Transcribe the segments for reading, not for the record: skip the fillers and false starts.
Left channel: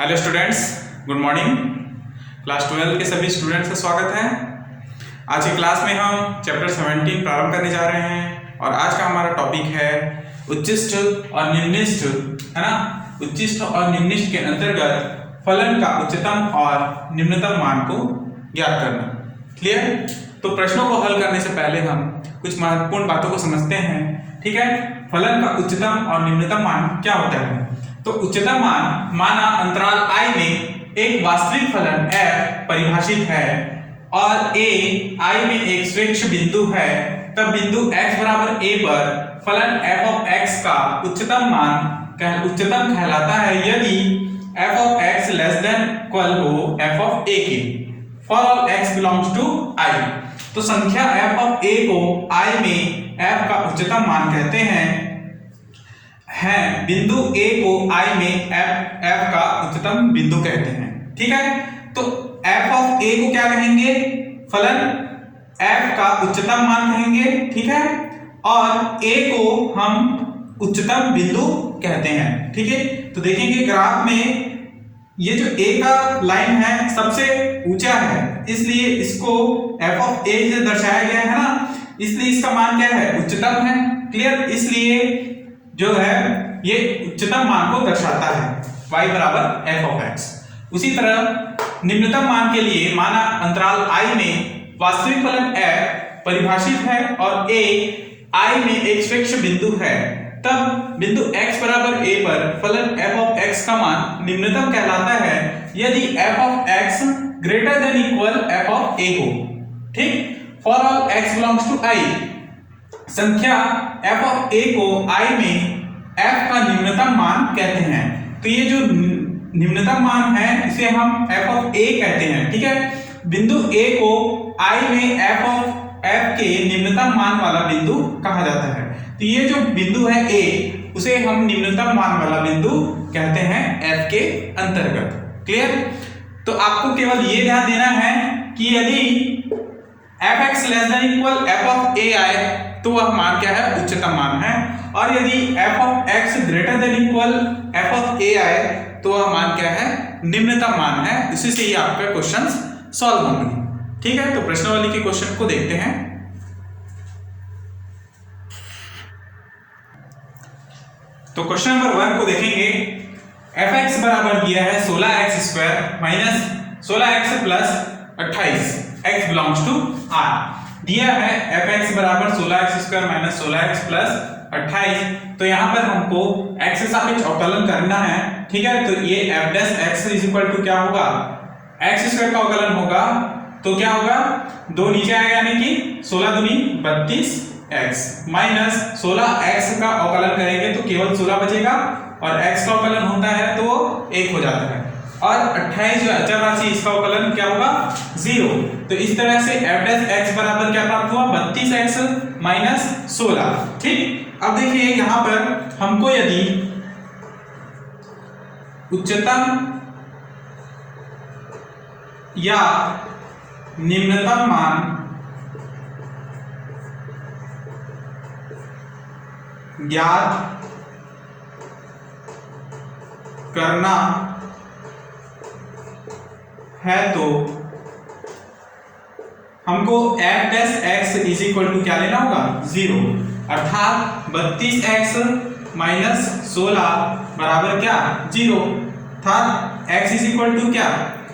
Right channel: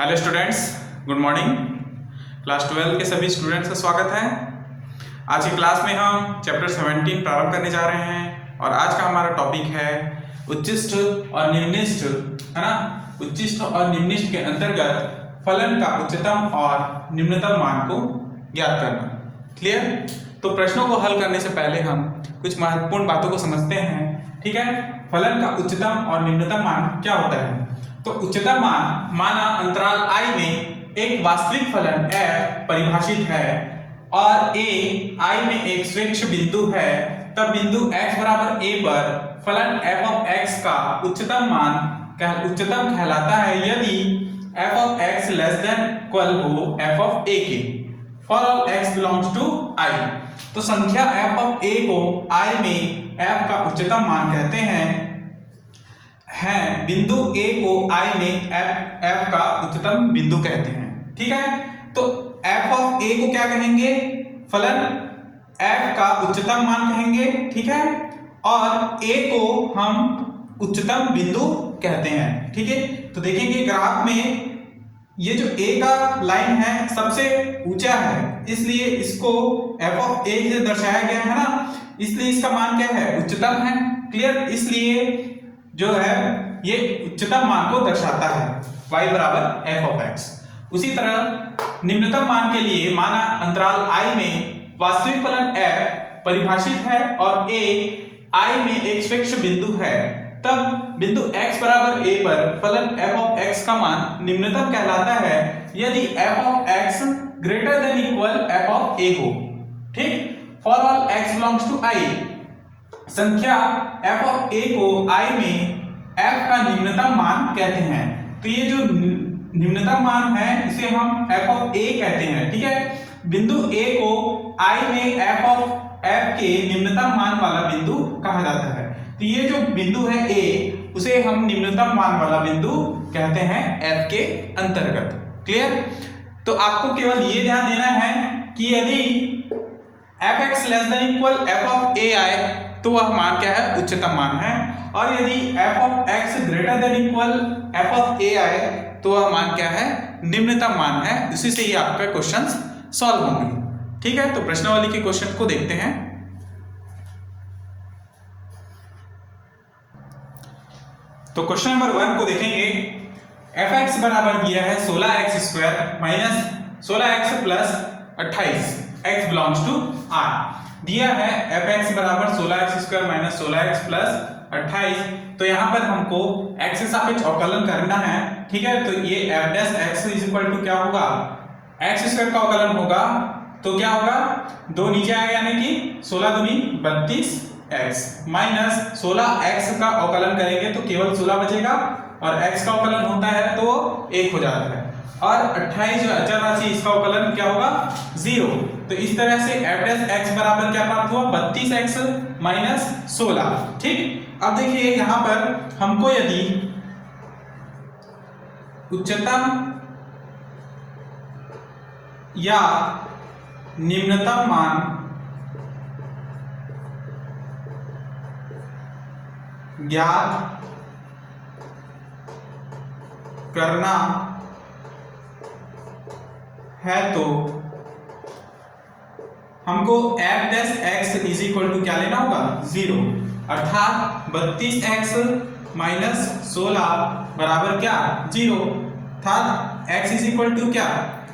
Hello students, good morning. Class 12 के सभी students का स्वागत है। आज की क्लास में हम चैप्टर 17 प्रारंभ करने जा रहे हैं और आज का हमारा टॉपिक है उच्चिष्ट और निम्निष्ट, है ना। उच्चिष्ट और निम्निष्ट के अंतर्गत फलन का उच्चतम और निम्नतम मान को ज्ञात करना। क्लियर? तो प्रश्नों को हल करने से पहले हम कुछ महत्वपूर्ण बातों को समझते हैं। ठीक है, फलन का उच्चतम और निम्नतम मान क्या होता है। तो उच्चतम मान माना अंतराल I में एक वास्तविक फलन f परिभाषित है और a I में एक श्रेष्ठ बिंदु है, तब बिंदु x बराबर a पर फलन f of x का उच्चतम कहलाता है यदि f of x less than equal हो f of a के। For all x belongs to I, तो संख्या f of a को I में f का उच्चतम मान कहते हैं। बिंदु a को I में f का उच्चतम बिंदु कहते हैं। ठीक है, तो f of a को क्या कहेंगे? फलन f का उच्चतम मान कहेंगे। ठीक है, और a को हम उच्चतम बिंदु कहते हैं। ठीक है, तो देखेंगे ग्राफ में ये जो a का लाइन है सबसे ऊंचा है, इसलिए इसको f of a से दर्शाया गया है ना, इसलिए इसका मान क्या है? उच्चतम है। क्लियर? इसलिए जो है ये उच्चतम मान को दर्शाता है, y बराबर f of x। उसी तरह निम्नतम मान के लिए माना अंतराल I में वास्तविक फलन f परिभाषित है और a I में एक श्रेष्ठ बिंदु है, तब बिंदु x बराबर a पर फलन f of x का मान निम्नतम कहलाता है यदि f of x greater than equal f of a हो। ठीक, for all x belongs to I, संख्या f of a को I में f का निम्नतम मान कहते हैं। तो ये जो निम्नतम मान है इसे हम f of a कहते हैं। ठीक है, बिंदु a को I में f of f के निम्नतम मान वाला बिंदु कहा जाता है। तो ये जो बिंदु है a, उसे हम निम्नतम मान वाला बिंदु कहते हैं f के अंतर्गत। क्लियर? तो आपको केवल ये ध्यान देना है कि यदि fx less than equal f of a आए तो वह मान क्या है? उच्चतम मान है, और यदि f of x greater than equal f of a आए तो वह मान क्या है? निम्नतम मान है। इसी से ही आपका क्वेश्चंस सॉल्व होंगे। ठीक है, तो प्रश्नावली के क्वेश्चन को देखते हैं। तो क्वेश्चन नंबर 1 को देखेंगे। fx बराबर दिया है 16x square minus 16x plus 28, x belongs to r। दिया है fx बराबर 16x square minus 16x plus 28, तो यहाँ पर हमको x से सापेक्ष अवकलन करना है। ठीक है, तो ये f dash x is equal to क्या होगा? x स्क्वायर का अवकलन होगा तो क्या होगा? 2 नीचे आएगा यानी कि 16 दूनी 32x माइनस 16x का अवकलन करेंगे तो केवल 16 बचेगा और x का अवकलन होता है तो 1 हो जाता है, और 28 जो अचर राशि इसका अवकलन क्या होगा? 0। तो इस तरह से f डैश x बराबर क्या प्राप्त हुआ? 32x minus 16। ठीक, अब देखिए यहां पर हमको यदि उच्चतम या निम्नतम मान ज्ञात करना है तो हमको f dash x is equal to क्या लेना होगा? 0, अर्थात 32x माइनस 16 बराबर क्या? 0, अर्थात x इज इक्वल टू क्या?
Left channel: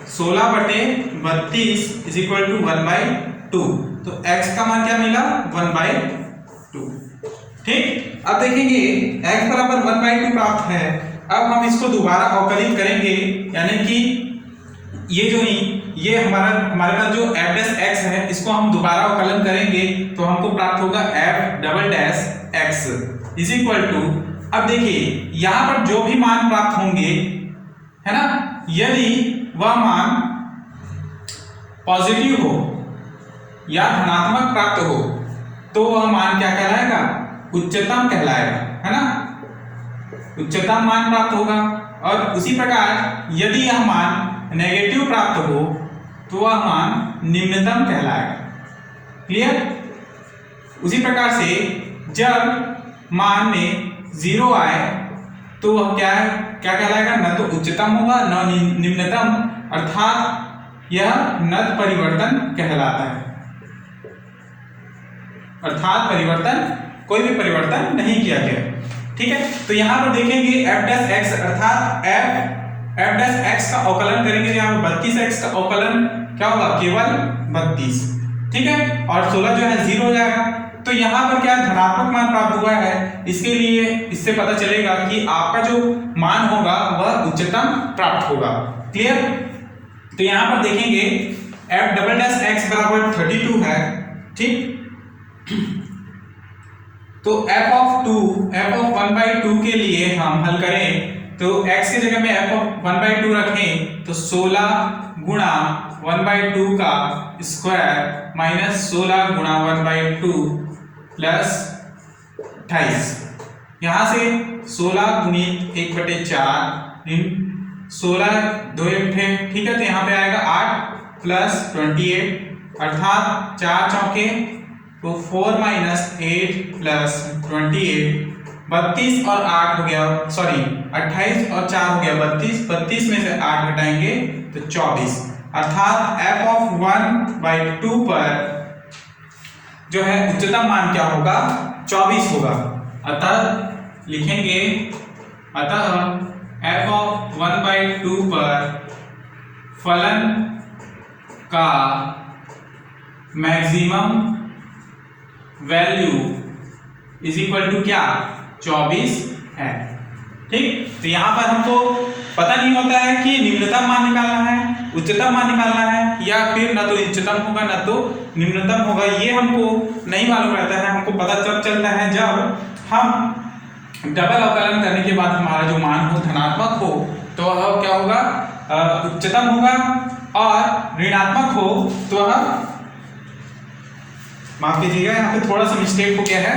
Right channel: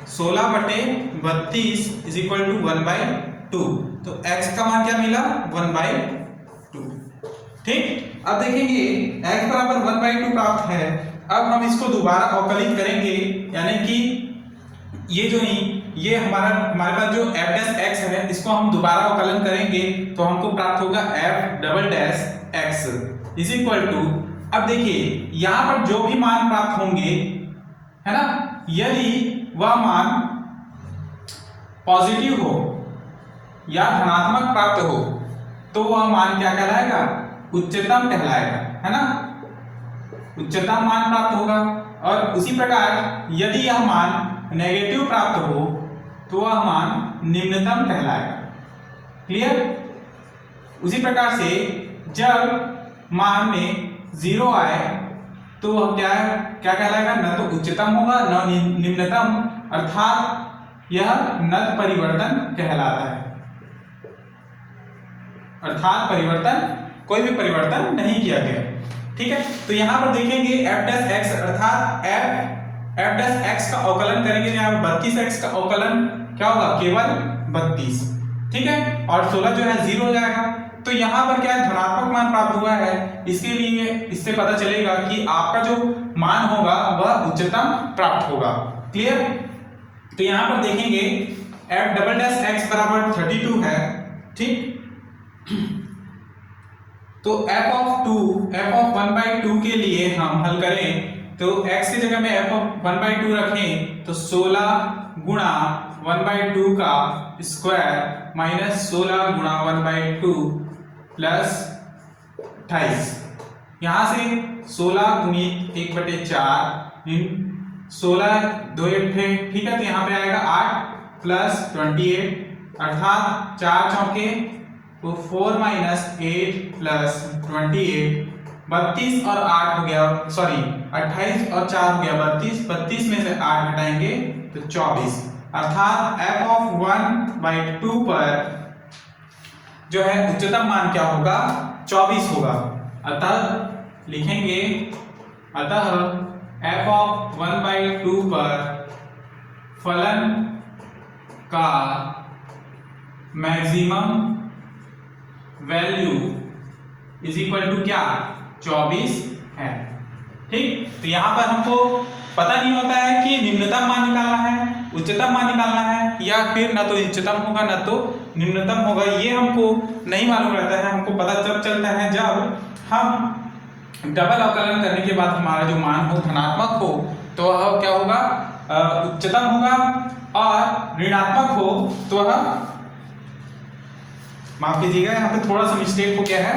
16 बटे 32 इज इक्वल टू 1/2, तो x का मान क्या मिला? 1/2। ठीक, अब देखेंगे x बराबर 1/2 प्राप्त है। अब हम इसको दोबारा अवकलित करेंगे, यानी कि ये हमारे पास जो f डैश x है इसको हम दोबारा अवकलन करेंगे तो हमको प्राप्त होगा f double dash x is equal to, अब देखिए यहां पर जो भी मान प्राप्त होंगे, है ना, यदि वह मान पॉजिटिव हो या धनात्मक प्राप्त हो तो वह मान क्या कहलाएगा? उच्चतम कहलाएगा, है ना, उच्चतम मान प्राप्त होगा। और उसी प्रकार यदि यह मान नेगेटिव प्राप्त हो तो वह मान निम्नतम कहलाएगा। क्लियर? उसी प्रकार से जब मान में 0 आए तो वह क्या है, क्या कहलाएगा, न तो उच्चतम होगा न निम्नतम, अर्थात यह नत परिवर्तन कहलाता है। अर्थात परिवर्तन, कोई भी परिवर्तन नहीं किया गया। ठीक है, तो यहां पर देखेंगे f डैश x अर्थात f डैश x का अवकलन करेंगे, यहाँ पर 32x का अवकलन क्या होगा, केवल 32। ठीक है, और 16 जो है 0 हो जाएगा। तो यहाँ पर क्या धनात्मक मान प्राप्त हुआ है, इसके लिए इससे पता चलेगा कि आपका जो मान होगा वह उच्चतम प्राप्त होगा। क्लियर। तो यहाँ पर देखेंगे f डबल डैश x बराबर 32 है। ठीक, तो f ऑफ 1/2 के लिए हम हल करें तो x की जगह में f ऑफ 1/2 रखें तो 16 गुणा 1/2 का स्क्वायर माइनस 16 गुणा 1/2 प्लस 28। यहां से 16 गुणित 1/4 16 2 1, ठीक है, तो यहाँ पे आएगा 8 प्लस 28 अर्थात 4 चौके तो 4 माइनस 8 प्लस 28, 32 और 8 हो गया, सॉरी 28 और 4 हो गया 32, 32 में से 8 घटाएंगे तो 24, अर्थात f ऑफ 1/2 पर जो है उच्चतम मान क्या होगा, 24 होगा। अतः लिखेंगे, अतः f ऑफ 1/2 पर फलन का maximum value is equal to क्या, 24 है। ठीक, तो यहां पर हमको पता नहीं होता है कि निम्नतम मान निकालना है, उच्चतम मान निकालना है, या फिर ना तो उच्चतम होगा ना तो निम्नतम होगा, ये हमको नहीं मालूम रहता है। हमको पता तब चलता है जब हम डबल अवकलन करने के बाद हमारा जो मान हो धनात्मक हो तो वह क्या होगा, उच्चतम होगा, और ऋणात्मक हो तो वह, माफ कीजिएगा यहाँ पे थोड़ा सा मिस्टेक हो गया है,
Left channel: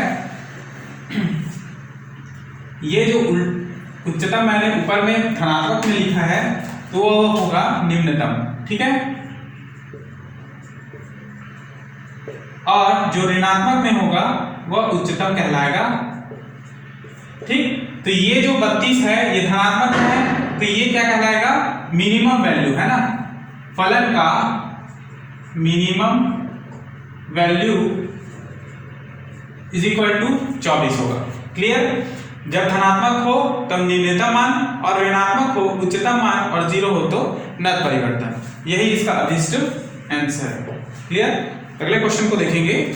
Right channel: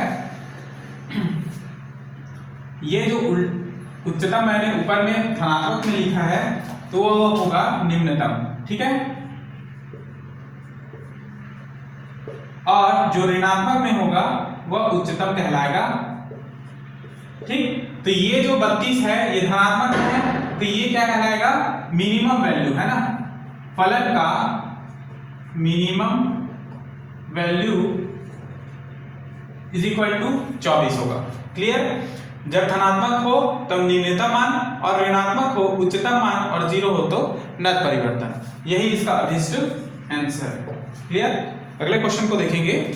ये जो उच्चतम मैंने ऊपर में धनात्मक में लिखा है तो वह होगा निम्नतम। ठीक है, और जो ऋणात्मक में होगा वह उच्चतम कहलाएगा। ठीक, तो ये जो 32 है ये धनात्मक है, तो ये क्या कहलाएगा, मिनिमम वैल्यू है ना, फलन का minimum value is equal to 24 होगा। क्लियर, जब धनात्मक हो तो निम्नतम मान, और ऋणात्मक हो उच्चतम मान, और 0 हो तो नत परिवर्तन। यही इसका अभिष्ट आंसर है। क्लियर, अगले क्वेश्चन को देखेंगे।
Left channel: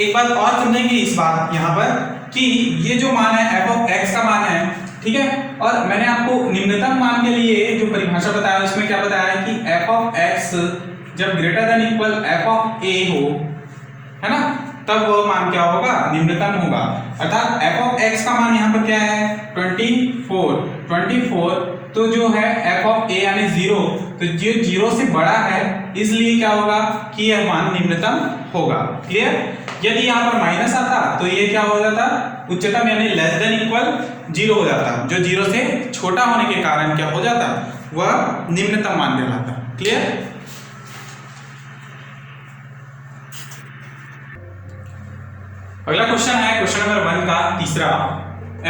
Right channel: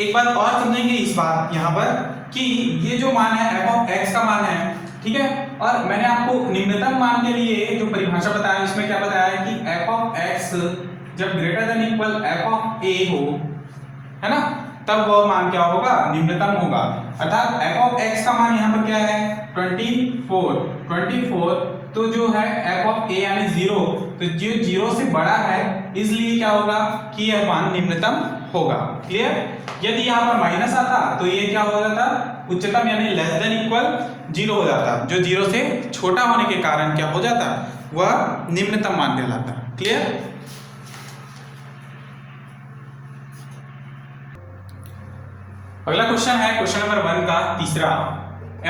एक बात और समझेंगे इस बात यहां पर कि ये जो मान है f ऑफ x का मान है, ठीक है, और मैंने आपको निम्नतम मान के लिए जो परिभाषा बताया उसमें क्या बताया कि f ऑफ x जब greater than equal f of a हो, है ना, तब वह मान क्या होगा, निम्नतम होगा। अर्थात f ऑफ x का मान यहाँ पर क्या है, 24, तो जो है f ऑफ a यानी 0, तो जो 0 से बड़ा है इसलिए क्या होगा कि यह मान निम्नतम होगा। क्लियर, यदि यहाँ पर माइनस आता तो ये क्या हो जाता, उच्चतम यानी लेस देन इक्वल 0 हो जाता, जो 0 से छोटा होने के कारण क्या हो जाता, वह निम्नतम मान कहलाता। क्लियर, अगला क्वेश्चन है क्वेश्चन नंबर 1 का तीसरा,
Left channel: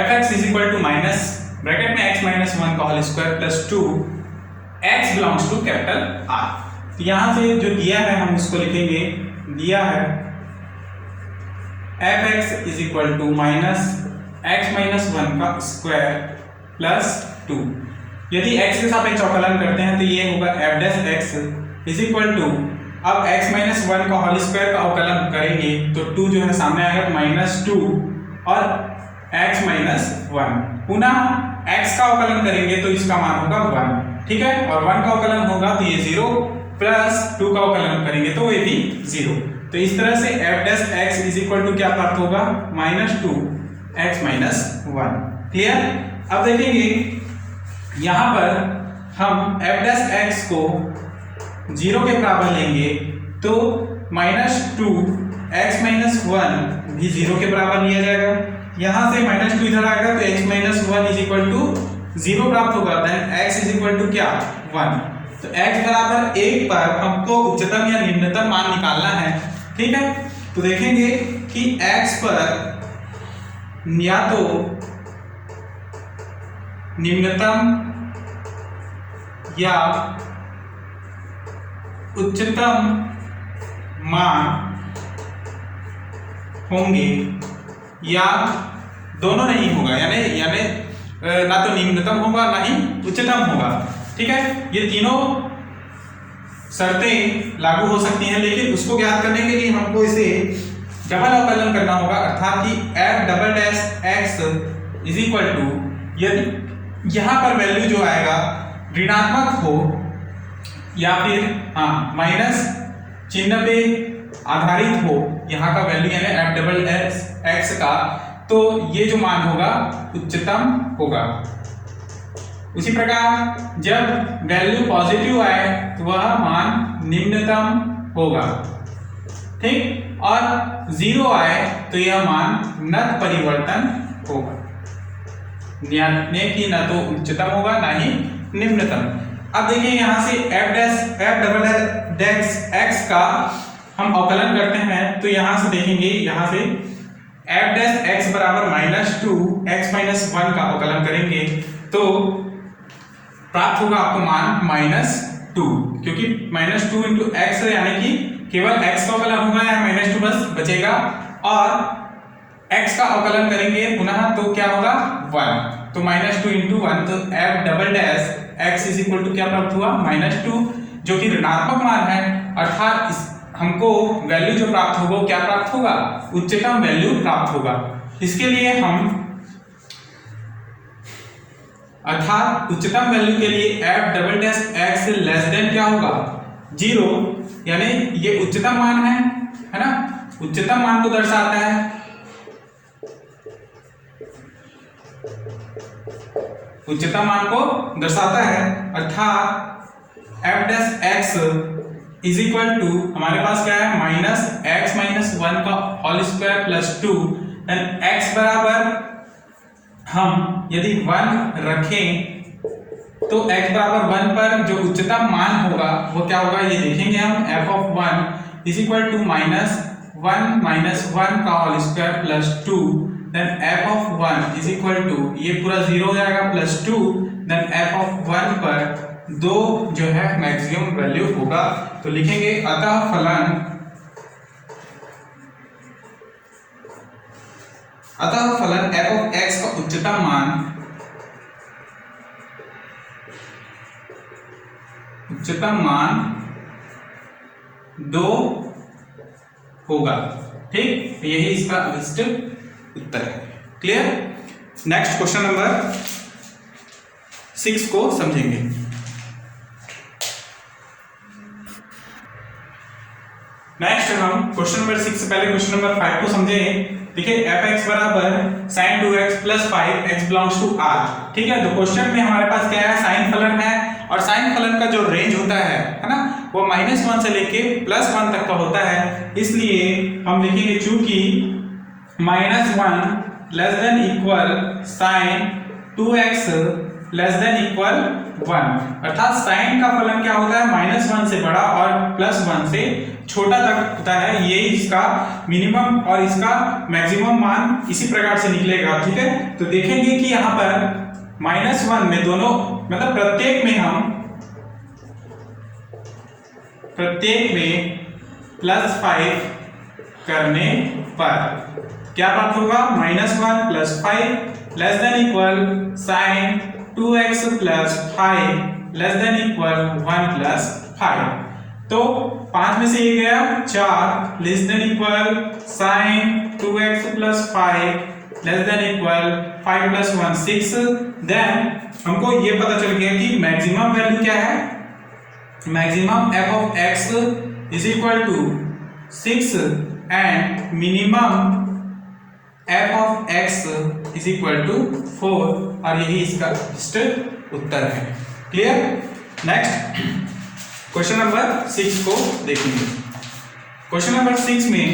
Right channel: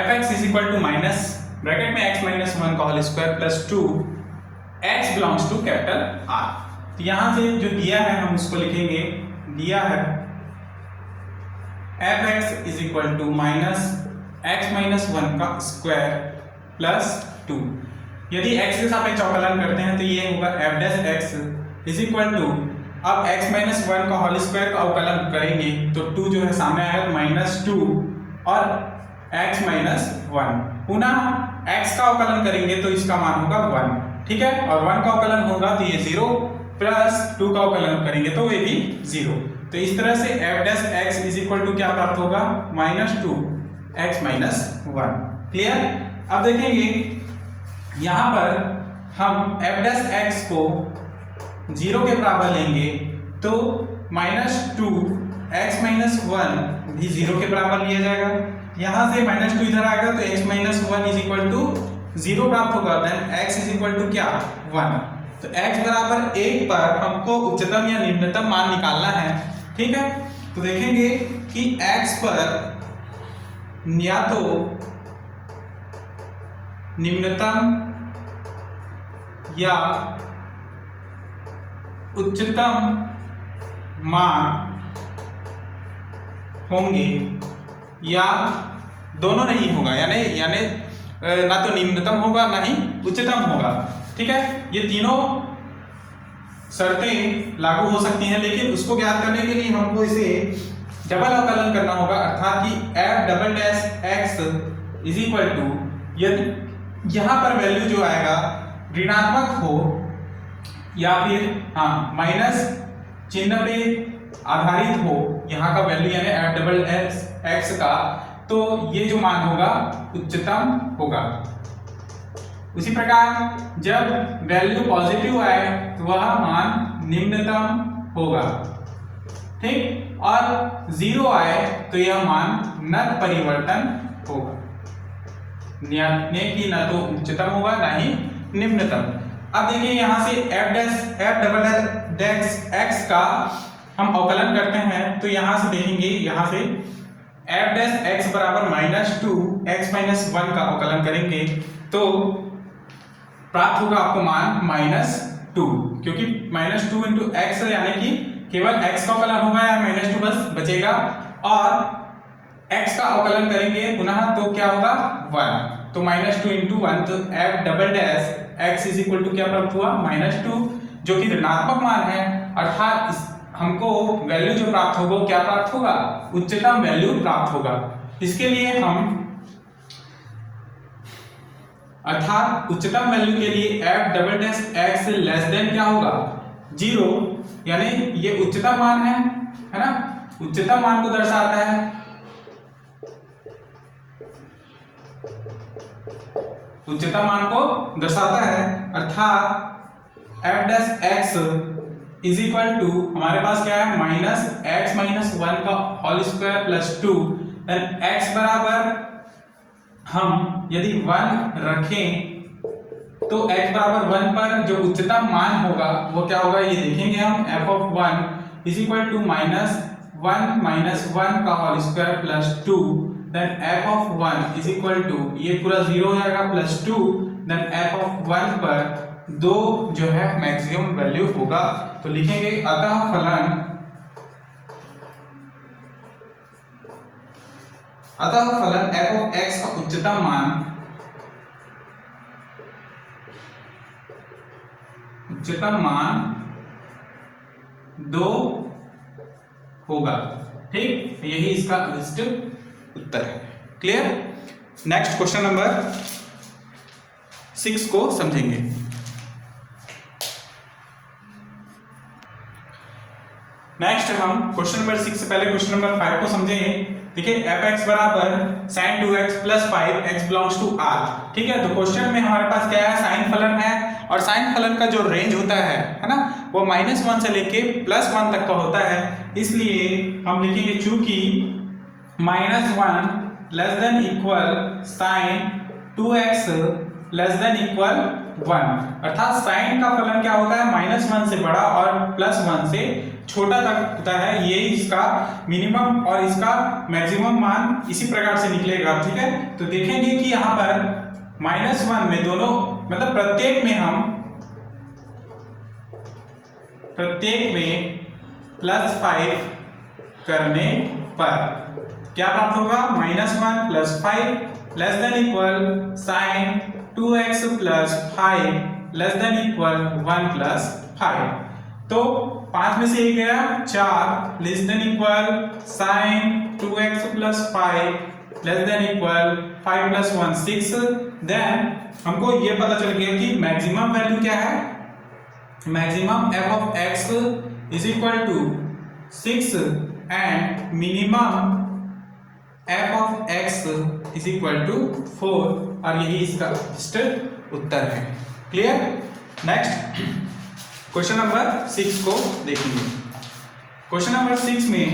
fx is equal to minus bracket में x माइनस 1 का whole square plus 2 x belongs to capital R। तो यहां से जो दिया है हम इसको लिखेंगे, दिया है fx is equal to minus x minus 1 का स्क्वायर प्लस 2। यदि x के सापेक्ष अवकलन करते हैं तो ये होगा f dash x is equal to, अब x माइनस 1 का होल स्क्वायर का अवकलन करेंगे तो 2 जो है सामने आएगा माइनस 2 और x माइनस 1, पुनः x का अवकलन करेंगे तो इसका मान होगा 1। ठीक है, और 1 का अवकलन होगा तो ये 0, प्लस 2 का अवकलन करेंगे तो ये भी 0। तो इस तरह से f dash x is equal to क्या प्राप्त होगा, माइनस 2 x माइनस 1। क्लियर, अब देखेंगे यहां पर हम f डैश x को 0 के बराबर लेंगे तो माइनस 2 x माइनस 1 भी 0 के बराबर लिया जाएगा। यहां से माइनस 2 इधर आएगा तो x minus 1 is equal to 0 प्राप्त होगा, then x is equal to क्या, 1। तो x बराबर 1 पर हमको उच्चतम या निम्नतम मान निकालना है। ठीक है, तो देखेंगे कि x पर या तो निम्नतम या उच्चतम मान होंगे या दोनों नहीं होगा, यानी ना तो निम्नतम होगा ना ही उच्चतम होगा। ठीक है, ये तीनों शर्तें लागू हो सकती हैं, लेकिन उसको ज्ञात करने के लिए हमको इसे डबल अवकलन करना होगा, अर्थात कि f double dash x is equal to, यदि यहाँ पर वैल्यू जो आएगा ऋणात्मक हो या फिर माइनस चिन्ह पे आधारित हो यहाँ का वैल्यू, यानी f डबल x का, तो ये जो मान होगा उच्चतम होगा। उसी प्रकार जब वैल्यू पॉजिटिव आए तो वह मान निम्नतम होगा। ठीक, और 0 आए तो यह मान नत परिवर्तन होगा, यानी कि न तो उच्चतम होगा ना ही निम्नतम। अब देखिए यहाँ से f डबल डैश x का हम अवकलन करते हैं, तो यहाँ से देखेंगे, यहाँ से f डैश x बराबर -2 x माइनस 1 का अवकलन करेंगे तो प्राप्त होगा आपको मान -2, क्योंकि -2 इंटू एक्स है, यानी कि केवल x का अवकलन होगा या -2 बस बचेगा, और x का अवकलन करेंगे पुनः तो क्या होगा 1, तो -2 इंटू 1, तो f double dash x is equal to क्या प्राप्त हुआ -2, जो कि ऋणात्मक मान है, अर्थात हमको वैल्यू जो प्राप्त होगा क्या प्राप्त होगा, उच्चतम वैल्यू प्राप्त होगा। इसके लिए हम अर्थात उच्चतम वैल्यू के लिए f double dash x less than क्या होगा 0, यानी ये उच्चतम मान है ना, उच्चतम मान को दर्शाता है, उच्चतम मान को दर्शाता है, अर्थात f dash x is equal to हमारे पास क्या है -x माइनस 1 का whole square plus 2, and x बराबर हम यदि 1 रखें तो x बराबर 1 पर जो उच्चतम मान होगा वो क्या होगा, ये देखेंगे हम f of 1 is equal to -1 minus 1 का whole square plus 2, then f of 1 is equal to ये पूरा 0 हो जाएगा प्लस 2, देन f ऑफ 1 पर 2 जो है मैक्सिमम वैल्यू होगा। तो लिखेंगे अतः फलन f ऑफ x का उच्चतम मान 2 होगा। ठीक, तो यही इसका अभिष्ट उत्तर है। क्लियर? नेक्स्ट क्वेश्चन नंबर 6 को समझेंगे। नेक्स्ट हम क्वेश्चन नंबर 6 से पहले क्वेश्चन नंबर 5 को समझेंगे। देखिए fx बराबर sin 2x plus 5x belongs to r। ठीक है, तो क्वेश्चन में हमारे पास क्या है, साइन फलन है, और साइन फलन का जो रेंज होता है ना, वो -1 से लेके +1 तक का होता है। इसलिए हम लिखेंगे चूंकि -1 less than equal sin 2x less than equal 1, अर्थात साइन का फलन क्या होता है -1 से बड़ा और +1 से छोटा तक होता है। ये इसका मिनिमम और इसका मैक्सिमम मान इसी प्रकार से निकलेगा। ठीक है, तो देखेंगे कि यहाँ पर -1 में दोनों मतलब प्रत्येक में +5 करने पर क्या प्राप्त होगा, -1 plus 5 less than equal sin 2x plus 5 less than equal 1 plus 5। तो 5 में से ये गया 4 less than equal sin 2x plus 5 less than equal 5 plus 1 6। Then हमको ये पता चल गया कि मैक्सिमम वैल्यू क्या है, maximum f of x is equal to 6 and minimum f of x is equal to 4, और यही इसका उत्तर है। क्लियर? नेक्स्ट क्वेश्चन नंबर 6 को देखेंगे। क्वेश्चन नंबर 6 में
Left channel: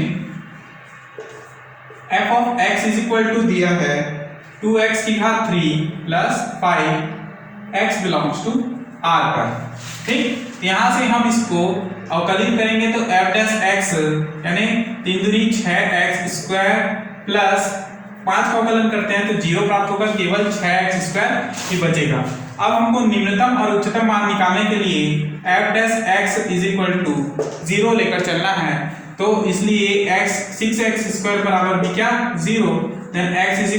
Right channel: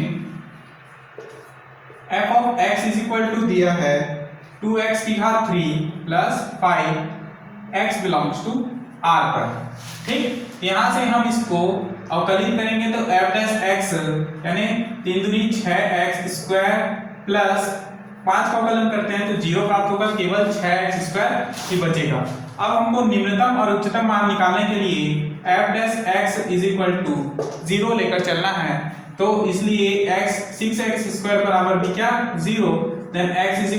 f of x is equal to दिया है 2x की घात 3 plus 5 x belongs to r पर। ठीक, यहां से हम इसको अवकलित करेंगे तो एफ डैश एक्स यानी 3 दूनी 6x स्क्वायर प्लस 5 का अवकलन करते हैं तो 0 प्राप्त होगा, केवल 6x स्क्वायर ही बचेगा। अब हमको निम्नतम और उच्चतम मान निकालने के लिए f dash x is equal to 0 लेकर चलना है, तो इसलिए x 6x स्क्वायर बराबर भी क्या 0, then x is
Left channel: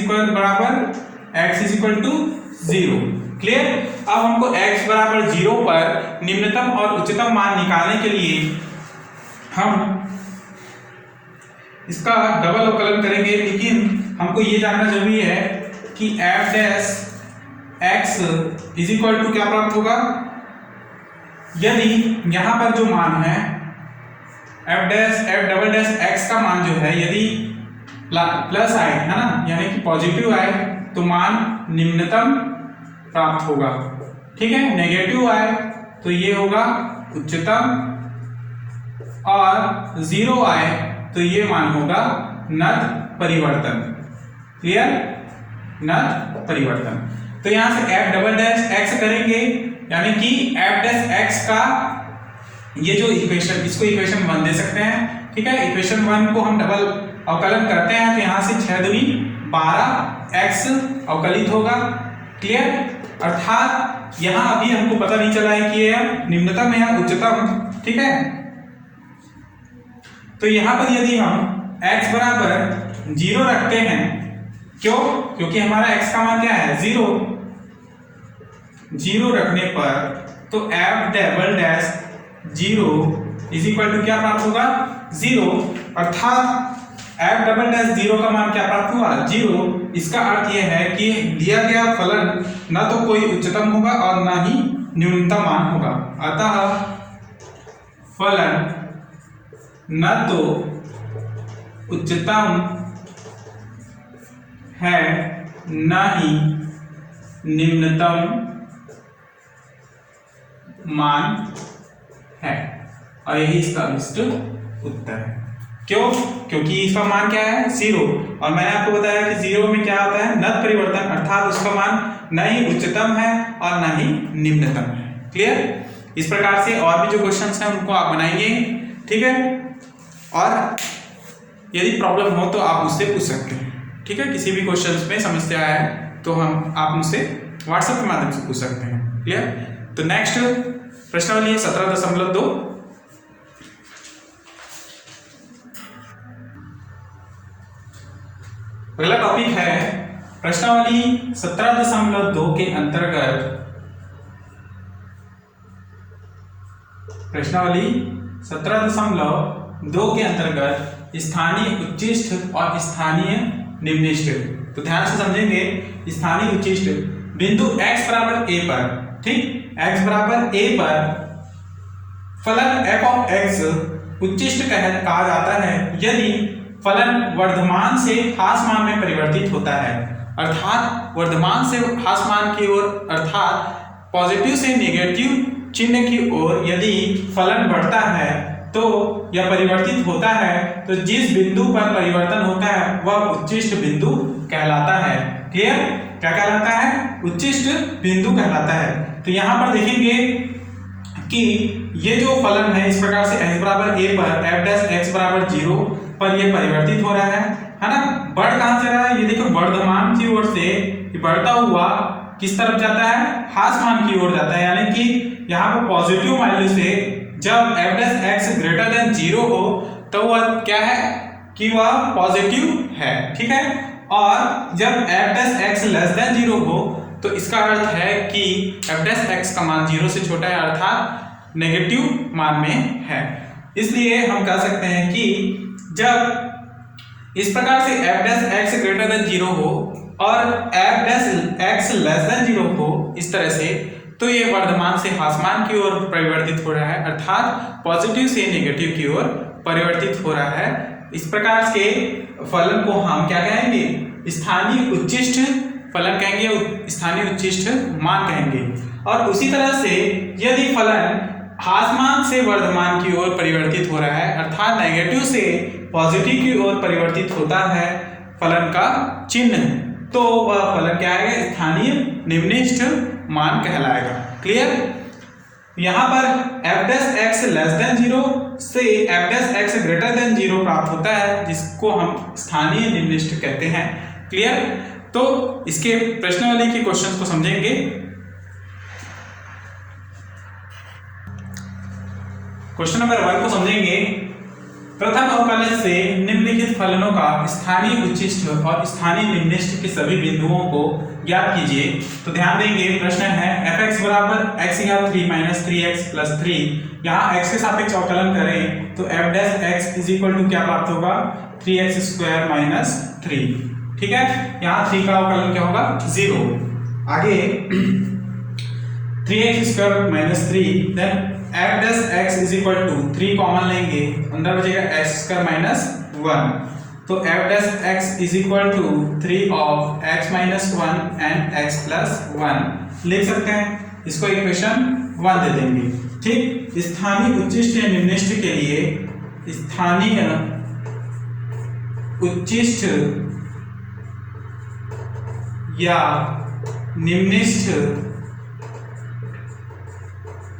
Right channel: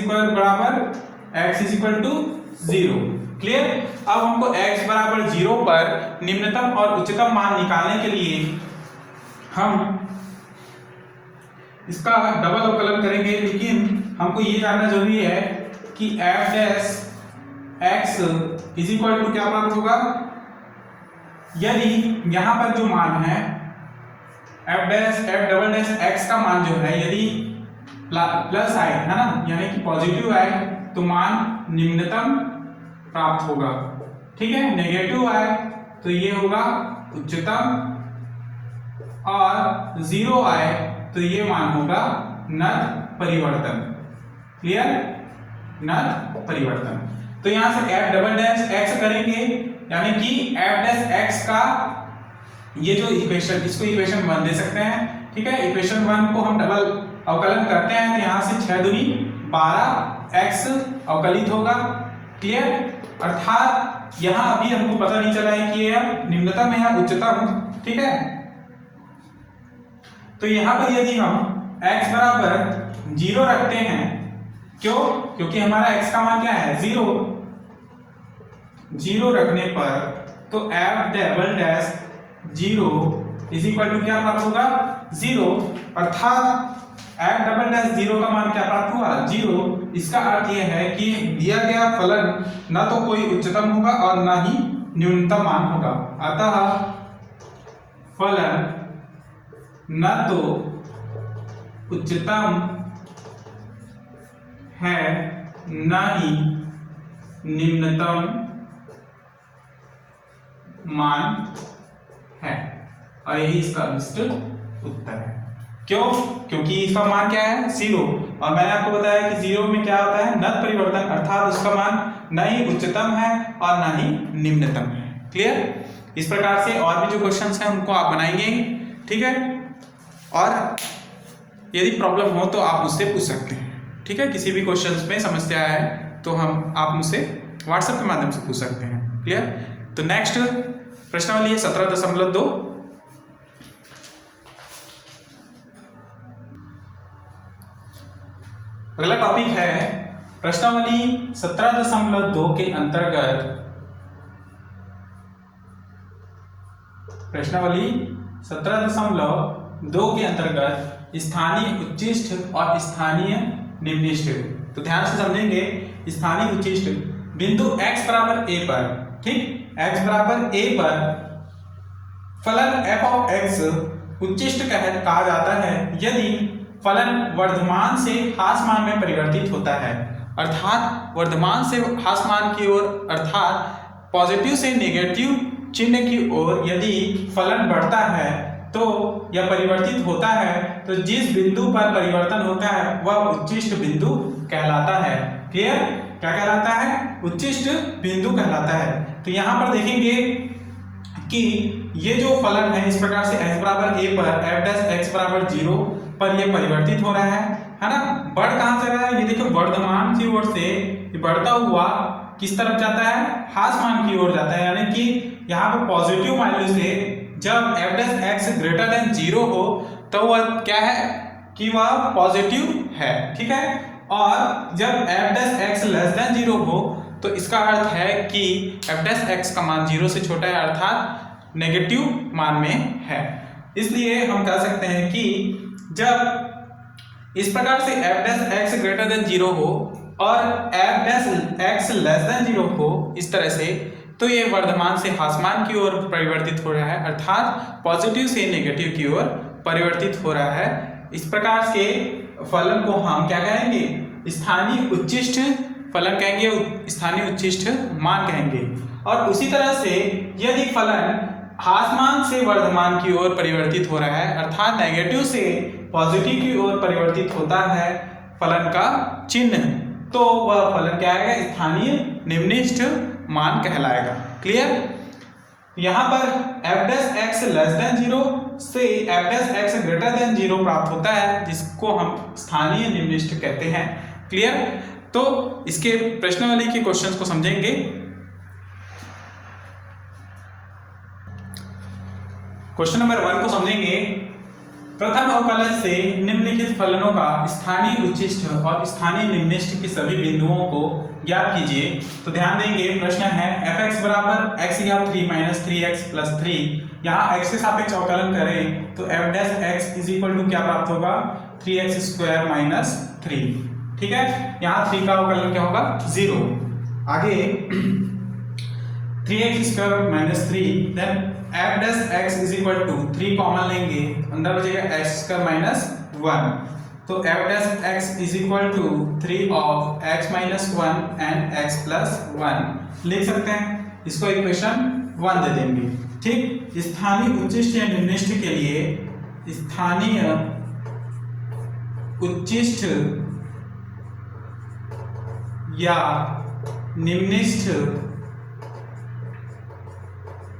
equal to 0। Clear. अब हमको x बराबर 0 पर निम्नतम और उच्चतम मान निकालने के लिए हम इसका डबल अवकलन करेंगे, लेकिन हमको ये जानना जरूरी है कि f dash x is equal to क्या प्राप्त होगा। यदि यहाँ पर जो मान है f डबल डैश x का मान जो है यदि प्लस आए है ना, यानी कि पॉजिटिव आए तो मान निम्नतम प्राप्त होगा, ठीक है। नेगेटिव आए तो ये होगा उच्चतम, और 0 आए तो ये मान होगा नत परिवर्तन। क्लियर, नत परिवर्तन। तो यहां से f डबल डैश x करेंगे, यानी कि f डैश x का ये जो इक्वेशन, इसको इक्वेशन 1 दे सकते हैं, ठीक है। इक्वेशन 1 को हम डबल अवकलन करते हैं तो यहां से 6 दूनी 12x अवकलित होगा। क्लियर। अर्थात यहां अभी हमको पता नहीं चला है कि यह निम्नतम है या उच्चतम, ठीक है। तो यहां पर यदि हम x बराबर 0 रखते हैं, क्यों, क्योंकि हमारा x का मान क्या है 0 रखने पर तो f double dash 0 is equal to क्या प्राप्त होगा 0, अर्थात f डबल डैश 0 का मान क्या प्राप्त हुआ 0। इसका अर्थ यह है कि दिया गया फलन ना तो कोई उच्चतम होगा और ना ही न्यूनतम मान होगा, अतः फलन न तो उच्चतम है ना ही निम्नतम मान है, और यही इसका अभिष्ट उत्तर है। क्यों, क्योंकि इसका मान क्या है 0, और मैंने आपको बताया कि 0 में क्या होता है नत परिवर्तन, अर्थात उसका मान न ही उच्चतम है और न ही निम्नतम है। क्लियर। इस प्रकार से और भी जो क्वेश्चंस हैं उनको आप बनाएंगे, ठीक है। और यदि प्रॉब्लम हो तो आप मुझसे पूछ सकते हैं, ठीक है। किसी भी क्वेश्चंस में समस्या है तो आप मुझसे व्हाट्सएप के माध्यम से पूछ सकते हैं। क्लियर। तो नेक्स्ट प्रश्नावली 17.2। अगला टॉपिक है प्रश्नावली 17.2 के अंतर्गत, प्रश्नावली 17.2 के अंतर्गत स्थानीय उच्चिष्ट और स्थानीय निम्निष्ट। तो ध्यान से समझेंगे। स्थानीय उच्चिष्ट बिंदु x बराबर a पर, ठीक, x बराबर a पर फलन f ऑफ x उच्चिष्ट कहा जाता है यदि फलन वर्धमान से ह्रासमान में परिवर्तित होता है, अर्थात वर्धमान से ह्रासमान की ओर, अर्थात पॉजिटिव से नेगेटिव चिन्ह की ओर यदि फलन बढ़ता है तो या परिवर्तित होता है तो जिस बिंदु पर परिवर्तन होता है वह उच्चिष्ट बिंदु कहलाता है। क्लियर। क्या कहलाता है उच्चिष्ट बिंदु कहलाता है। तो यहां पर देखेंगे कि ये जो फलन है इस प्रकार से x बराबर a पर f डैश x बराबर 0 पर ये परिवर्तित हो रहा है ना। बढ़ कहां से रहा है, ये देखो वर्धमान की ओर से बढ़ता हुआ किस तरफ जाता है ह्रासमान की ओर जाता है, यानी कि यहाँ पर पॉजिटिव वैल्यू से जब f dash x greater then 0 हो तो वह क्या है कि वह पॉजिटिव है, ठीक है। और जब f dash x less than 0 हो तो इसका अर्थ है कि f डैश x का मान 0 से छोटा है, अर्थात नेगेटिव मान में है। इसलिए हम कह सकते हैं कि जब इस प्रकार से f dash x greater then 0 हो और f dash x less than 0 हो इस तरह से, तो ये वर्धमान से ह्रासमान की ओर परिवर्तित हो रहा है, अर्थात पॉजिटिव से नेगेटिव की ओर परिवर्तित हो रहा है। इस प्रकार से फलन को हम क्या कहेंगे स्थानीय उच्चिष्ट फलन कहेंगे, स्थानीय उच्चिष्ट मान कहेंगे। और उसी तरह से यदि फलन ह्रासमान से वर्धमान की ओर परिवर्तित हो रहा है, अर्थात नेगेटिव से पॉजिटिव की ओर परिवर्तित होता है फलन का चिन्ह, तो वह फलन क्या आएगा स्थानीय निम्निष्ट मान कहलाएगा। क्लियर। यहां पर f dash x less than 0 से f dash x greater then 0 प्राप्त होता है, जिसको हम स्थानीय निम्निष्ठ कहते हैं। क्लियर? तो इसके प्रश्नावली के क्वेश्चंस को समझेंगे। क्वेश्चन नंबर 1 को समझेंगे। प्रथम अवकलन से निम्नलिखित फलनों का स्थानीय उच्चिष्ट और स्थानीय निम्निष्ठ के सभी बिंदुओं को ज्ञात कीजिए। तो ध्यान देंगे, प्रश्न है fx बराबर x या 3 माइनस 3x प्लस 3। यहाँ x के सापेक्ष अवकलन करें तो f dash x is equal to क्या प्राप्त होगा, 3x स्क्वायर माइनस 3। ठीक है, यहाँ 3 का अवकलन क्या होगा, 0। आगे 3x square minus 3, then f dash x is equal to 3 common लेंगे, अंदर बचेगा x स्क्वायर माइनस 1। तो f dash x is equal to 3 of x minus 1 and x plus 1 लिख सकते हैं। इसको इक्वेशन 1 दे देंगे। ठीक, स्थानीय उच्चिष्ट या निम्निष्ठ के लिए स्थानीय उच्चिष्ट या निम्निष्ठ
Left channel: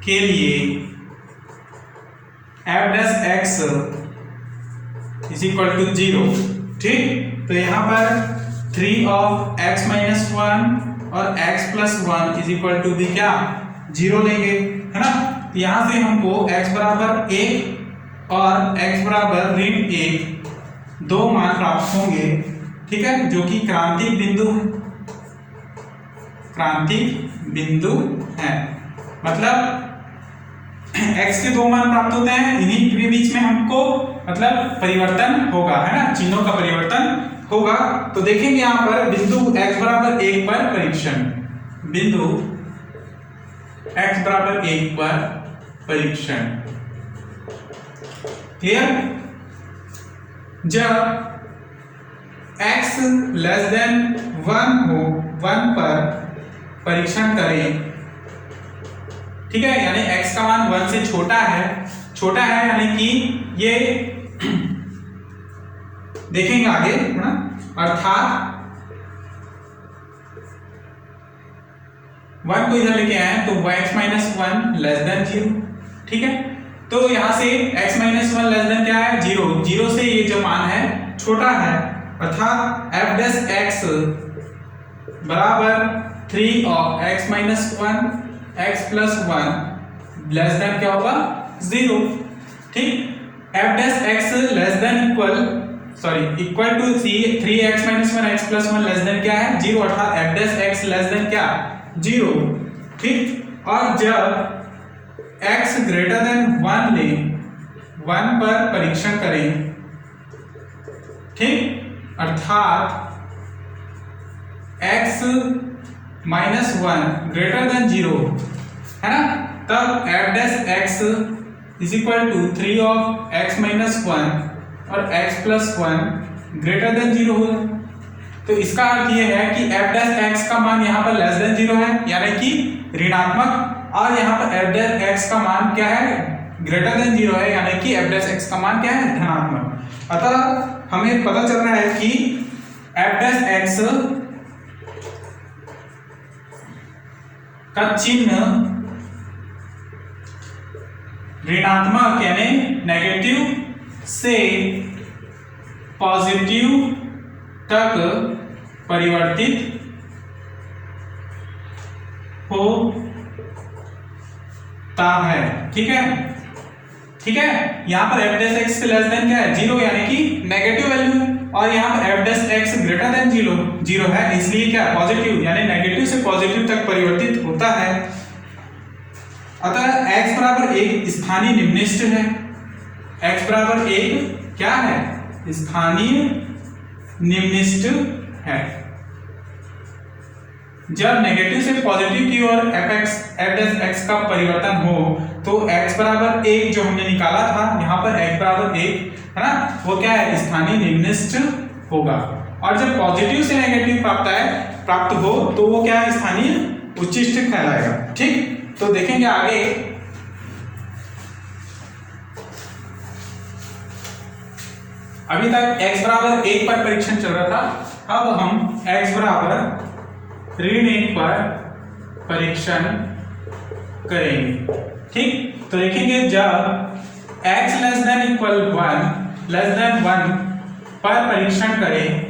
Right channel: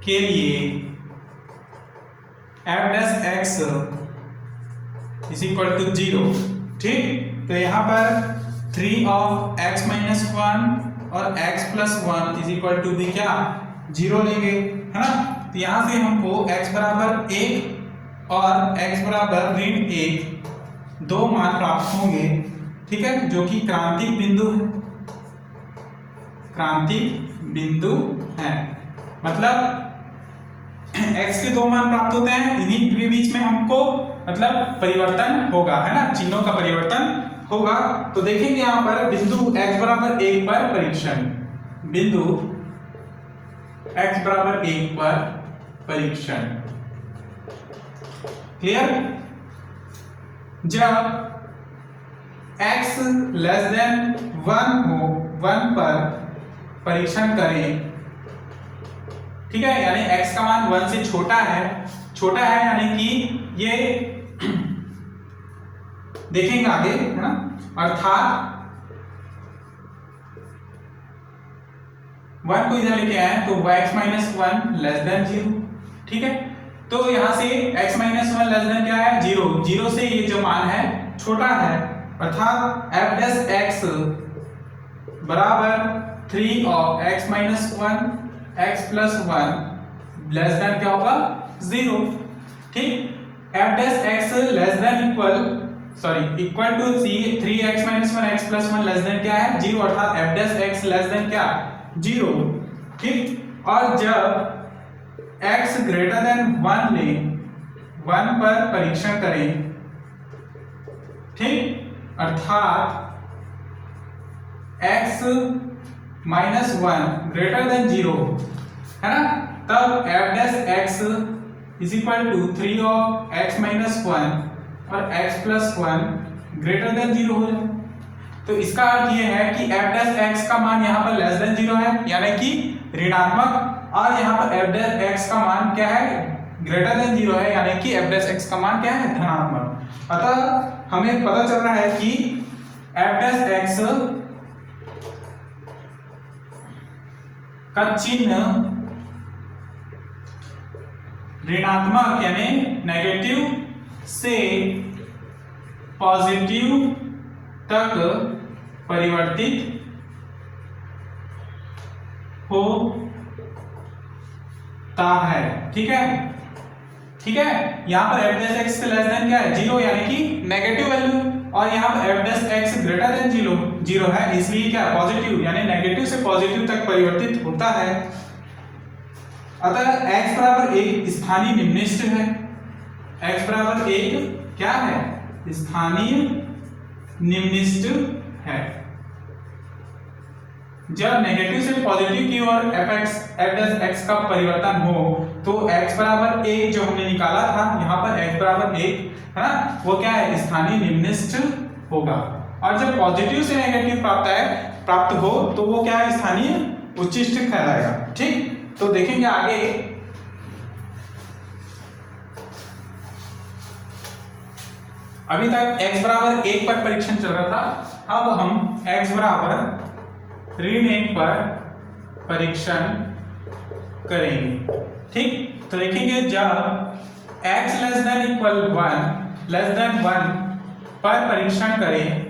के लिए f dash x is equal to 0। ठीक, तो यहाँ पर 3 ऑफ x माइनस 1 और x plus 1 is equal to भी क्या, 0 लेंगे, है ना। तो यहाँ से हमको x बराबर 1 और x बराबर ऋण 1 दो मान प्राप्त होंगे। ठीक है, जो कि क्रांतिक बिंदु है, क्रांतिक बिंदु है। मतलब x के दो मान प्राप्त होते हैं, इन्हीं के बीच में हमको मतलब परिवर्तन होगा, है ना, चिन्हों का परिवर्तन होगा। तो देखेंगे यहाँ पर बिंदु x बराबर 1 पर परीक्षण, बिंदु x बराबर 1 पर परीक्षण। क्लियर? जब x लेस देन 1 हो, 1 पर परीक्षण करें। ठीक है, यानी x का मान 1 से छोटा है, यानी कि ये देखेंगे आगे, है ना, अर्थात 1 को इधर लेके आए तो x माइनस 1 लेस देन 0। ठीक है, तो यहां से x माइनस 1 लेस देन क्या है, 0। 0 से ये जो मान है छोटा है, अर्थात f डैश x बराबर 3 of x minus 1 x plus 1 less than क्या होगा, 0। ठीक, f dash x less than equal to 3x minus 1 x plus 1 less than क्या है, 0, अर्थात f dash x less than क्या, 0। ठीक, और जब x ग्रेटर देन 1 लें, 1 पर परीक्षण करें। ठीक, अर्थात x माइनस 1 ग्रेटर देन 0, है ना, तब f dash x is equal to 3 of x minus 1 और x प्लस 1 ग्रेटर देन 0 हो जाए। तो इसका अर्थ यह है कि f डैश x का मान यहाँ पर लेस देन 0 है, यानी कि ऋणात्मक, और यहाँ पर f डैश x का मान क्या है, ग्रेटर देन 0 है, यानी कि f डैश x का मान क्या है, धनात्मक। अतः हमें पता चल रहा है कि f डैश x का चिन्ह ऋणात्मक यानी नेगेटिव से पॉजिटिव तक परिवर्तित होता है। ठीक है, यहाँ पर f डैश x के लेस देन क्या है, 0, यानी कि नेगेटिव वैल्यू, और यहाँ पर f dash x greater then 0 है, इसलिए क्या, पॉजिटिव, यानी नेगेटिव से पॉजिटिव तक परिवर्तित होता है। अतः x बराबर 1 स्थानीय निम्निष्ठ है, x बराबर 1 क्या है, स्थानीय निम्निष्ठ है। जब नेगेटिव से पॉजिटिव की ओर f डैश x का परिवर्तन हो तो x बराबर 1 जो हमने निकाला था, यहाँ पर x बराबर 1 है ना, वो क्या है, स्थानीय निम्निष्ठ होगा। और जब पॉजिटिव से नेगेटिव प्राप्त हो तो वो क्या है, स्थानीय उच्चिष्ट कहलाएगा। ठीक, तो देखेंगे आगे। अभी तक x बराबर 1 पर परीक्षण चल रहा था, अब हम x बराबर ऋण 1 पर परीक्षण करेंगे। ठीक, तो देखेंगे जब x less than equal 1 less then 1 पर परीक्षण करें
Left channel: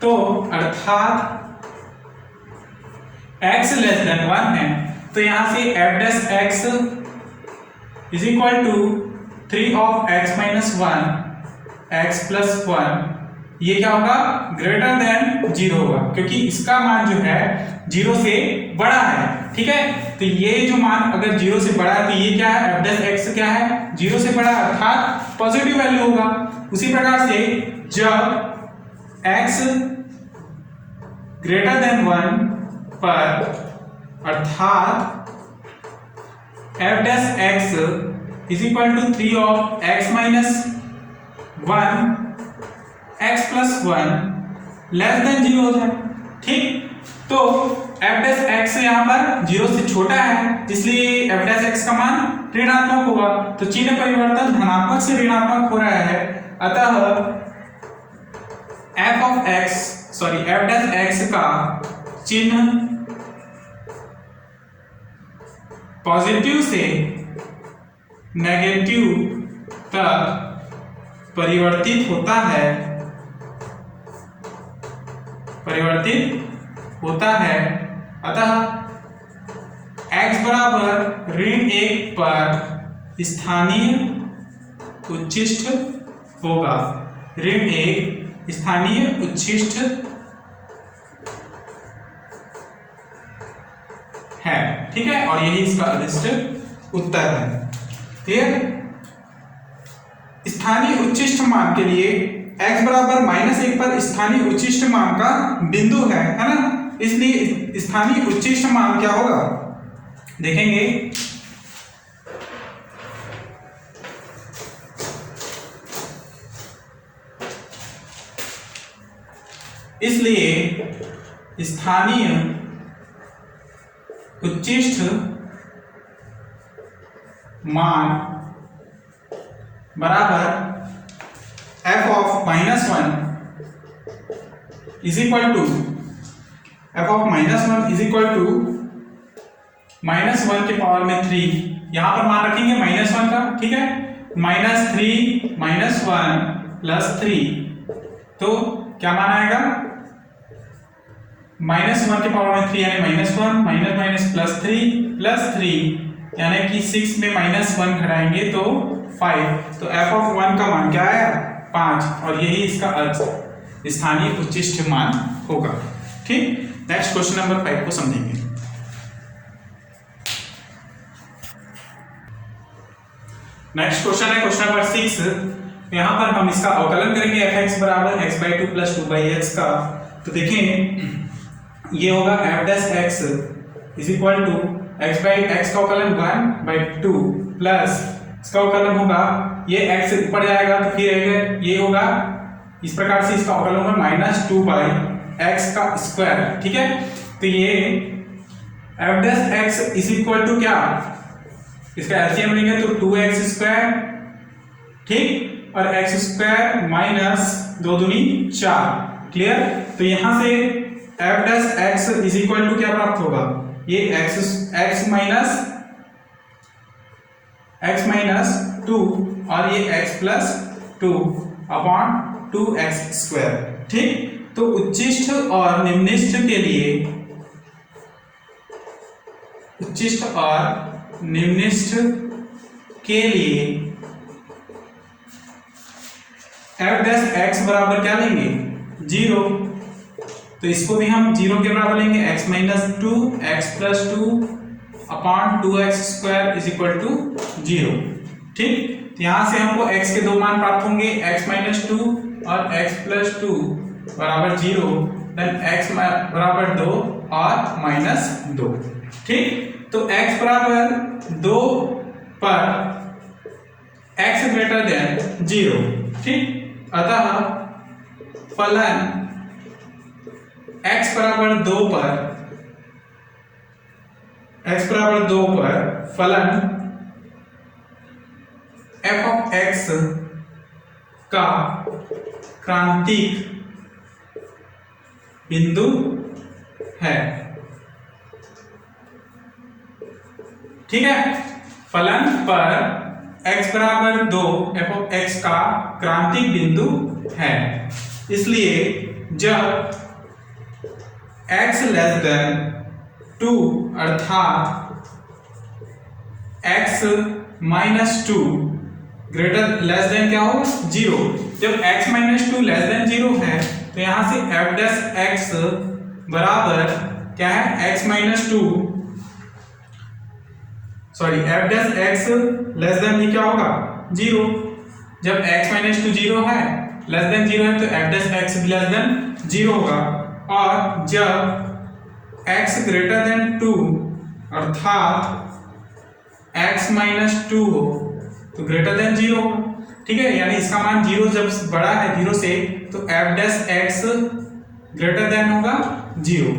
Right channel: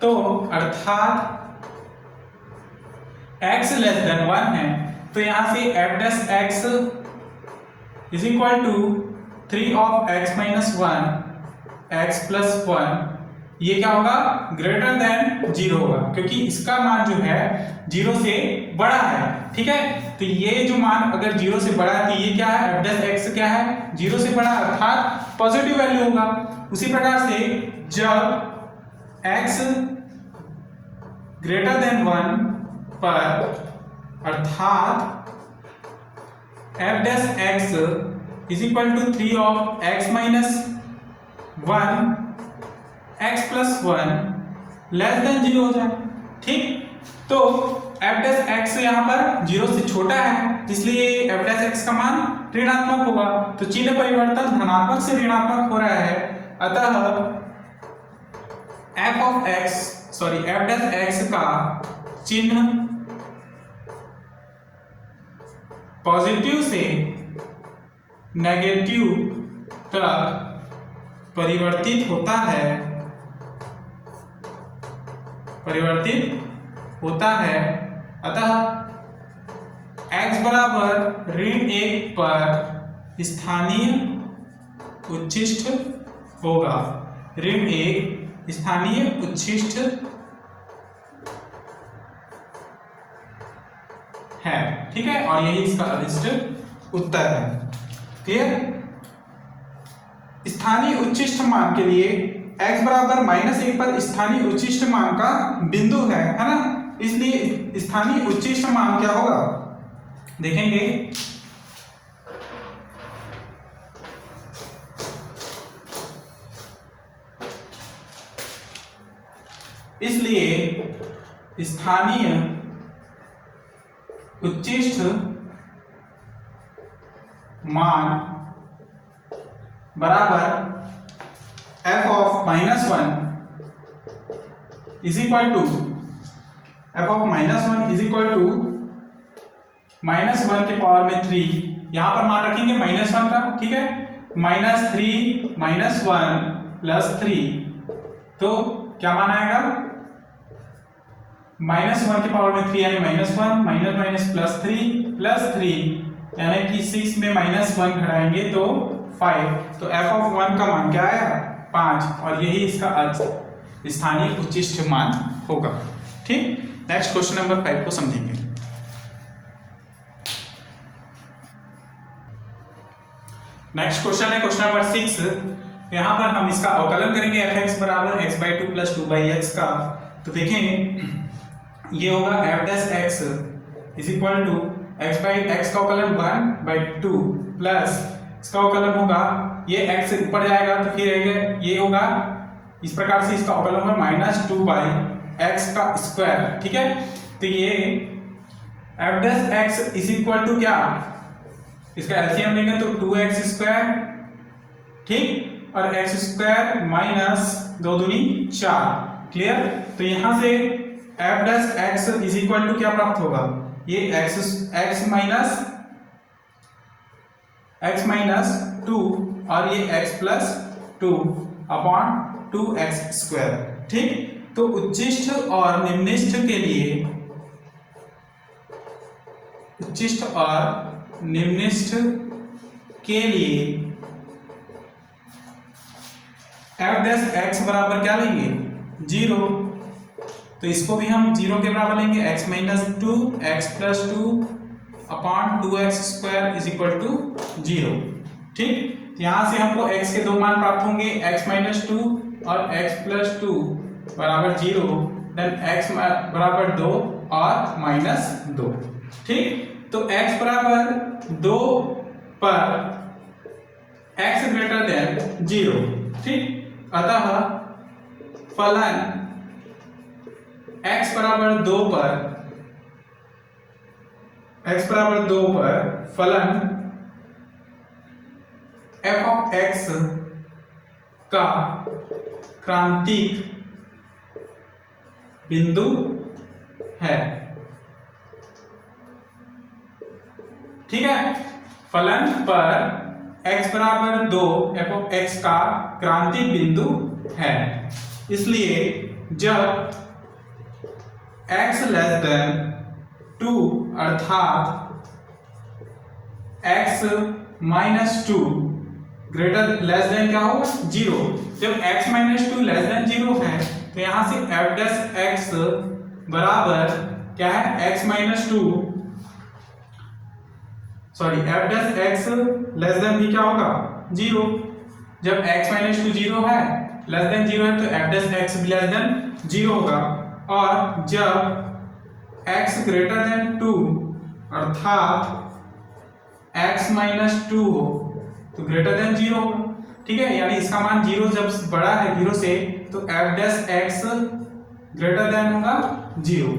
तो अर्थात x लेस देन 1 है, तो यहां से f dash x is equal to 3 of x minus 1 x plus 1, ये क्या होगा, ग्रेटर देन 0 होगा, क्योंकि इसका मान जो है 0 से बड़ा है। ठीक है, तो ये जो मान अगर 0 से बड़ा है तो ये क्या है, f डैश x क्या है, 0 से बड़ा अर्थात पॉजिटिव वैल्यू होगा। उसी प्रकार से जब x ग्रेटर देन 1 पर अर्थात f dash x is equal to 3 of x minus 1 x plus 1 less than 0 हो जाए। ठीक, तो f डैश x यहाँ पर 0 से छोटा है, इसलिए f डैश x का मान ऋणात्मक होगा, तो चिन्ह परिवर्तन धनात्मक से ऋणात्मक हो रहा है। अतः f डैश x का चिन्ह पॉजिटिव से नेगेटिव तक परिवर्तित होता है। अतः x बराबर ऋण 1 पर स्थानीय उच्छिष्ट होगा, ऋण 1 स्थानीय उच्छिष्ट है। ठीक है, और यही इसका अनिष्ट उत्तर है। क्लियर, स्थानीय उच्छिष्ट मान के लिए x बराबर -1 पर स्थानीय उच्छिष्ट मान का बिंदु है ना, इसलिए स्थानीय उच्छिष्ट मान क्या होगा देखेंगे। इसलिए स्थानीय उच्छिष्ट मान बराबर f of -1 is equal to -1 के पावर में 3, यहां पर मान रखेंगे -1 का। ठीक है, -3 -1 प्लस 3, तो क्या मान आएगा, -1 के पावर में 3 यानी -1 माइनस माइनस प्लस 3 यानी कि 6 में -1 घटाएंगे तो 5, तो f ऑफ 1 का मान क्या आया 5, और यही इसका स्थानीय उच्छिष्ट मान होगा। ठीक, नेक्स्ट क्वेश्चन नंबर 5 को समझेंगे। नेक्स्ट क्वेश्चन है क्वेश्चन नंबर 6। यहाँ पर हम इसका अवकलन करेंगे fx बराबर x/2 प्लस 2/x का। तो देखें ये होगा f dash x is equal to x का अवकलन 1/2 प्लस इसका अवकलन होगा, ये x से ऊपर जाएगा तो फिर ये होगा इस प्रकार से, इसका अवकलन होगा -2/x का स्क्वायर। ठीक है, तो ये f dash x is equal to क्या, इसका एलसीएम लेंगे तो 2x स्क्वायर, ठीक, और x स्क्वायर माइनस 2 दूनी 4। क्लियर, तो यहां से f dash x is equal to क्या प्राप्त होगा, ये x माइनस 2 और ये x plus 2 upon 2x square. ठीक, तो उच्चिष्ट और निम्निष्ठ के लिए f डैश x बराबर क्या लेंगे 0, तो इसको भी हम 0 के बराबर लेंगे, x minus 2 x plus 2 upon 2x square is equal to 0। ठीक, तो यहां से हमको x के दो मान प्राप्त होंगे, x माइनस 2 और x प्लस 2 बराबर 0, देन x बराबर 2 और माइनस 2। ठीक, तो x बराबर 2 पर x ग्रेटर देन 0। ठीक, अतः फलन x बराबर 2 पर फलन f ऑफ x का क्रांतिक बिंदु है। ठीक है। फलन पर x बराबर 2 f ऑफ x का क्रांतिक बिंदु है, इसलिए जब x लेस देन 2 अर्थात x minus 2 greater less than क्या हो 0, जब x माइनस 2 लेस देन 0 है तो यहां से f डैश x बराबर क्या है x minus 2 sorry f dash x less then भी क्या होगा 0, जब x माइनस 2 0 है लेस देन 0 है तो f डैश x भी लेस देन 0 होगा, और जब x ग्रेटर देन 2 अर्थात x माइनस 2 हो तो ग्रेटर देन 0 होगा, ठीक है। यानी इसका मान 0 जब बड़ा है 0 से तो f dash x greater then होगा 0,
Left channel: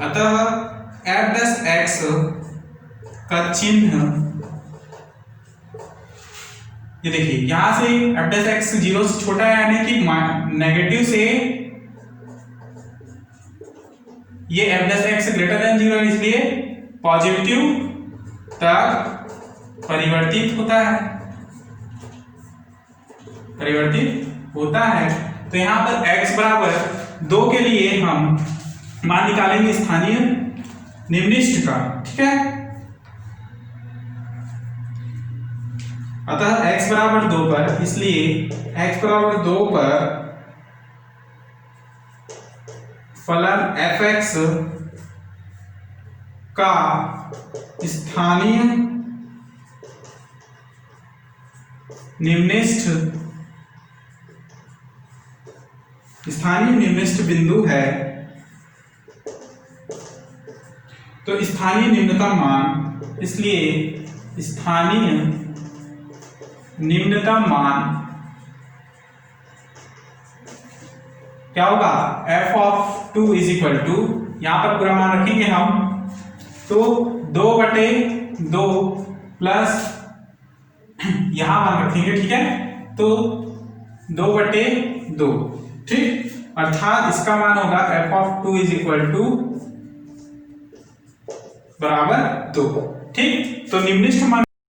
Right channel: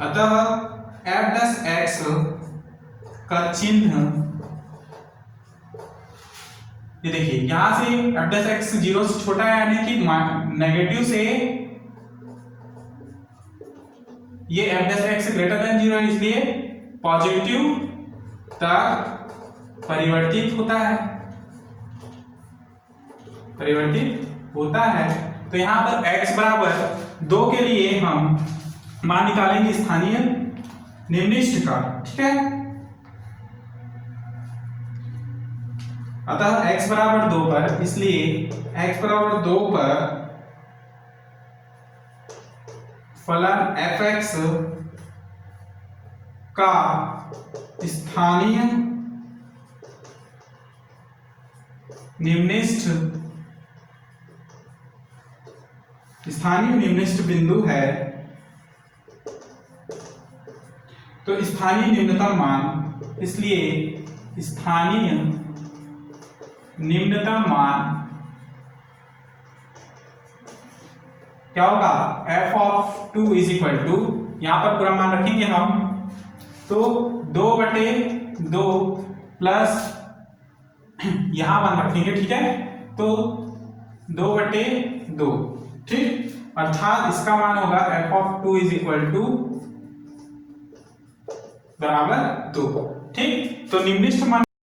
अतः f डैश x का चिन्ह ये देखिए यहां से f डैश x 0 से छोटा है यानी कि नेगेटिव से ये f dash x greater then 0 है, इसलिए पॉजिटिव तक परिवर्तित होता है। तो यहां पर x बराबर 2 के लिए हम मान निकालेंगे स्थानीय निम्निष्ठ का, ठीक है। अतः x बराबर 2 पर, इसलिए x बराबर 2 पर फलन f(x) का स्थानीय निम्निष्ठ बिंदु है, तो स्थानीय निम्नतम मान, इसलिए स्थानीय निम्नतम मान क्या होगा f of 2 is equal to, यहां पर पूरा मान रखेंगे हम, तो 2/2 प्लस यहां मान रखेंगे, ठीक है, तो 2/2, ठीक, अर्थात इसका मान होगा f of 2 is equal to बराबर 2, ठीक। तो निम्निष्ठ मान